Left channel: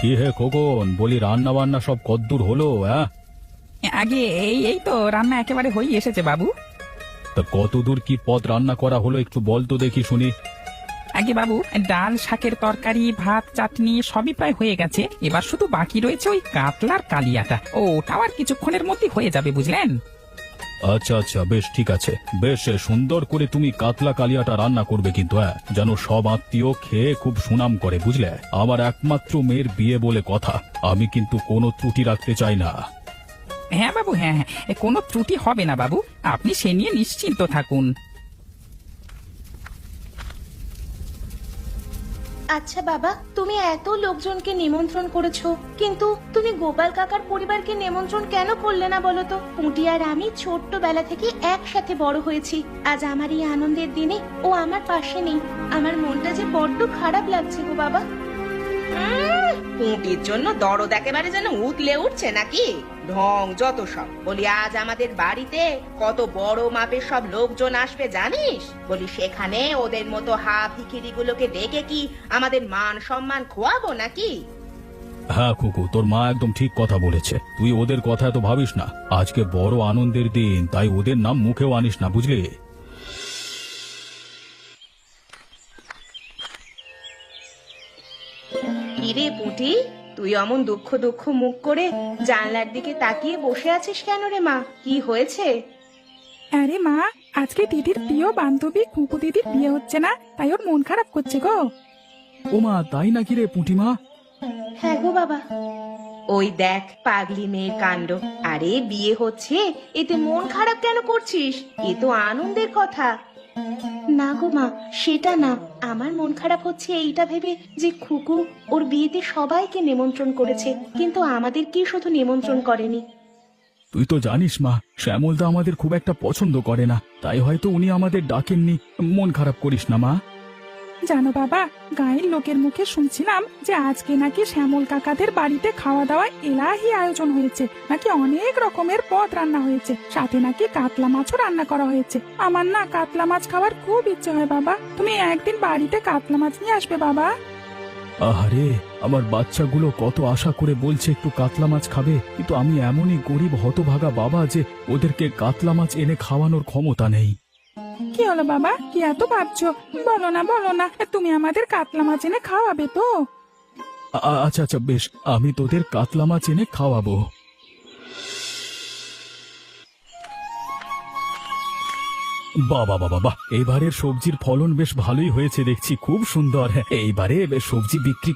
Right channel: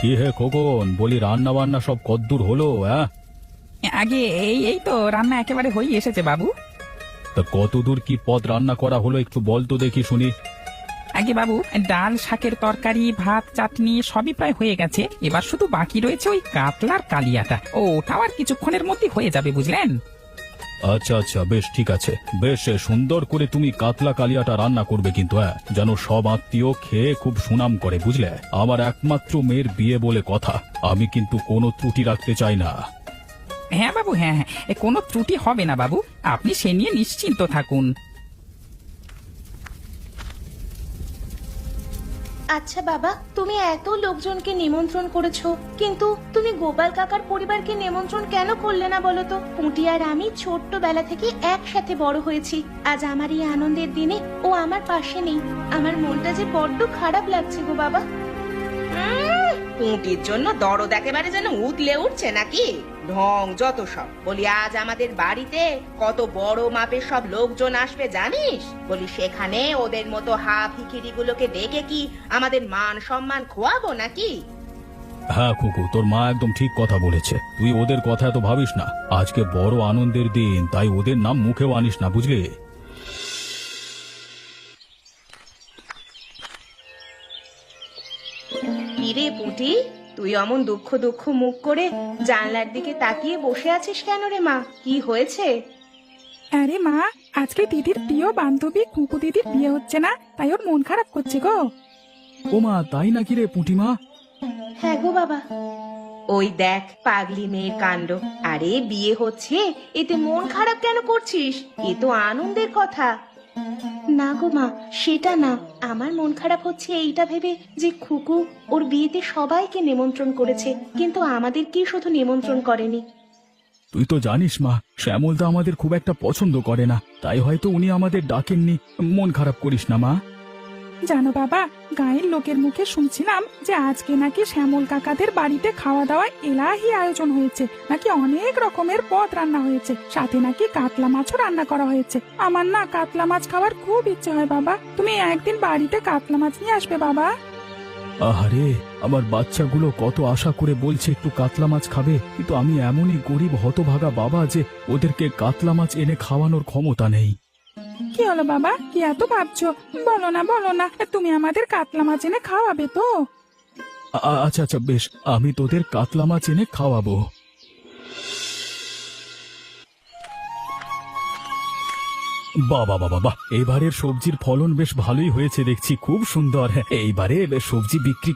কি হে খোকন, বলি রান্না বান্না সব কদ্দূর হলো? হ্যাঁ, আগে এই তো রান্না একেবারে হয়ে এসেছে বাবু। তা কতদূর কি পদ রান্না করা হলো একটু বল তো দেখি শুনি। আগে বাবু, ডাল শাকের তরকারি ভাত চাটনি সবই প্রায় হয়ে গেছে। এবার শুধু বাকি রয়েছে ওই কাতলার কালিয়াটা, ওটাও আর কিছুক্ষণের মধ্যে হয়ে যাবে বুঝলেন। আচ্ছা আচ্ছা, বেশ ঠিক আছে। বেশ সুন্দর করে তুমি কাতলা কালিয়াটা রান্না করবে কিন্তু, হ্যাঁ, যেন সব আত্মীয় খেয়ে খুব সুনাম করে, বুঝলে? আমার একমাত্র মেয়ের বিয়ে বলে কথা, আমি কিন্তু কোনো ত্রুটি রাখতে চাই না। হ্যাঁ বাবু, হ্যাঁ হ্যাঁ, কোনো ত্রুটি হবে না বাবু, আপনি সে নিয়ে নিশ্চিন্ত থাকুন। আচ্ছা বাবা, তুমি এত লোকজনকে নিমন্ত্রণ করেছো, কিন্তু তুমি গোপাল কাকার পরিবারকে নিমন্ত্রণ কেন করলে না বলো তো? পুঁটি আর আমি ছোট্টবেলা থেকে একসাথে বড় হয়েছি। আজ আমার এই আনন্দের দিনে ও আমার পাশে নেই। আমার মনটা যে বড্ড খারাপ লাগছে গো বাবা। পেটের জন্য দরদ একেবারে যেন উতলে উঠছে নাকি? ঢং যত সব। বলি আজ আমাদের বাড়িতে কত বড় মাপের সব লোকজন আসবে জানিস? বলি সেখানে ওদের মতো হা ভিখিরি গুলোকে দেখে কি আমাদের মান সম্মান খোয়াবো নাকি? হ্যাঁ খোকু, তোর মা একদম ঠিক কথা বলেছে। তুই ওদের কথা এত ভাবিস না। আজকে বড় আনন্দের দিন, তাই ওদের নাম মুখেও আনিস না, বুঝলি? কিরে পুঁটি, তুই অমন দুঃখ দুঃখ মুখ করে জানলার দিকে তাকিয়ে বসে আছিস কেন রে মা? কি হয়েছে? আরে মা, আজকে দিদির প্রিয় বান্ধবী কুকু দিদির বিয়ে হচ্ছে না, তাই ওর মন খারাপ করছে গো। ও মা, তাই নাকি রে পুটিমা? হ্যাঁ গো বাবা। ওই দেখ পাগলি মেয়ে কাণ্ড। আরে বিয়ে হচ্ছে, এতে মন খারাপ কেন করছিস? এ তো আনন্দের কথা। না গো মা, সেটা না। আমার মন খারাপ হচ্ছে এইটা ভেবে যে খুকু ওর বিয়েতে সবাইকে নিমন্ত্রণ করেছে, কিন্তু আমাদেরকে শুধু নিমন্ত্রণ করেনি। তুই তো জানিস মা, শ্যামল তো আমাদের খুব একটা পছন্দ করে না, তাই হয়তো উনি আমাদের ডাকেননি। মন খারাপ করিস না মা। জানো বাবা, গায়ের লোকের মুখে শুনছিলাম যে আজকে নাকি শ্যামল কাকাদের বাড়িতে খাওয়া দাওয়ার এলাহি আয়োজন হয়েছে, নাকি অনেক রকমের পদ রান্না হয়েছে, সাথে নাকি কাতলা মাছও রান্না করা হয়েছে। আমার না কাতলা মাছ খাওয়ার খুব ইচ্ছে হয় বাবা, তুমি একদিন বাড়িতে কাতলা মাছ নিয়ে আসবে বাবা। আরে, আমার বাচ্চাগুলো কত আশা করে বলছে একটু কাতলা মাছ খাবে, কিন্তু আমি এমনই গরিব হতভাগা বাবা যে ওদেরকে কাতলা মাছ এনে খাওয়ানোর ক্ষমতা নেই। কি হলো বাবা, কি এত ভাবছো? বলো না বলো না, তুমি আমাদের কাতলা মাছ এনে খাওয়াবে তো? আচ্ছা আচ্ছা, বেশ, আমি তোদের কাতলা মাছ এনে খাওয়াবো। বাবা বাবা বাবা, এবারে সবজির ফলন বেশ ভালোই হয়েছে দেখছি, খুব সুন্দর। এইবারে বেশ সবজি বিক্রি